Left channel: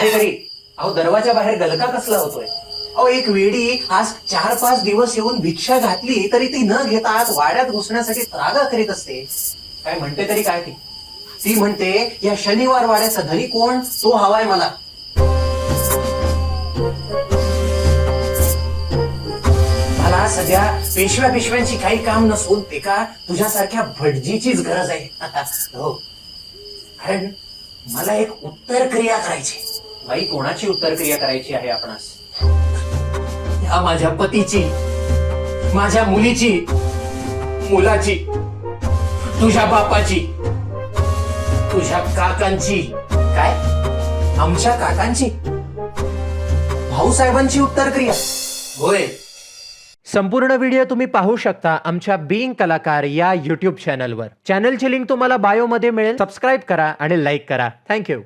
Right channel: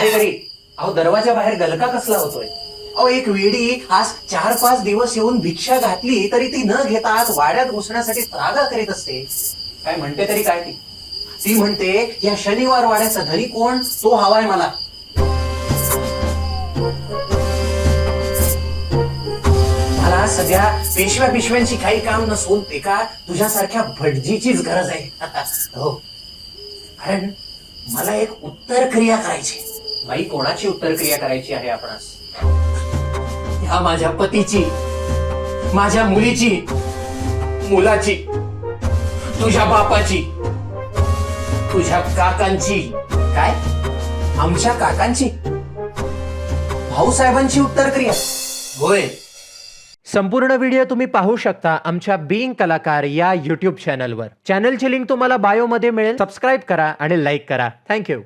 अरे तरी अहो दरवाजा बाहेर गलका कसला होतोय? अहो एक वेडी आज 4-5 दिवस येऊन भिक्षा घातली तरी ती न घेता आज वाड्यात घुसण्यासाठी त्रागा करीत असते. काय म्हणते तरी काय ती म्हणते या शनिवार वाड्याचा धनी कोण तो हवाय मला. मला सध्या पिशव्यांची काही काम नसून एका तुझ्यासारख्या भटजीचीच गरज आहे. हो, कारण मला एक उत्तर क्रिया करायची. बाई, कोणाची उत्तर क्रिया करायची आहे आपणास? या माझ्या पतीची, माझ्या मुलीची, मुलाची, तुझ्या बापाची, तुझ्या काकांची. काय? आमच्या काकांची? भाऊसाहेबांची उत्तर क्रिया होय. संपूर्ण व्हिडिओ तुम्ही पाहू शकता आमच्या बीइंग कलाकार या YouTube चॅनलवर. चॅनलची लिंक तुम्हाला बायोमध्ये मिळेल. सबस्क्राईब करा आणि लाईक करा. थँक्यू.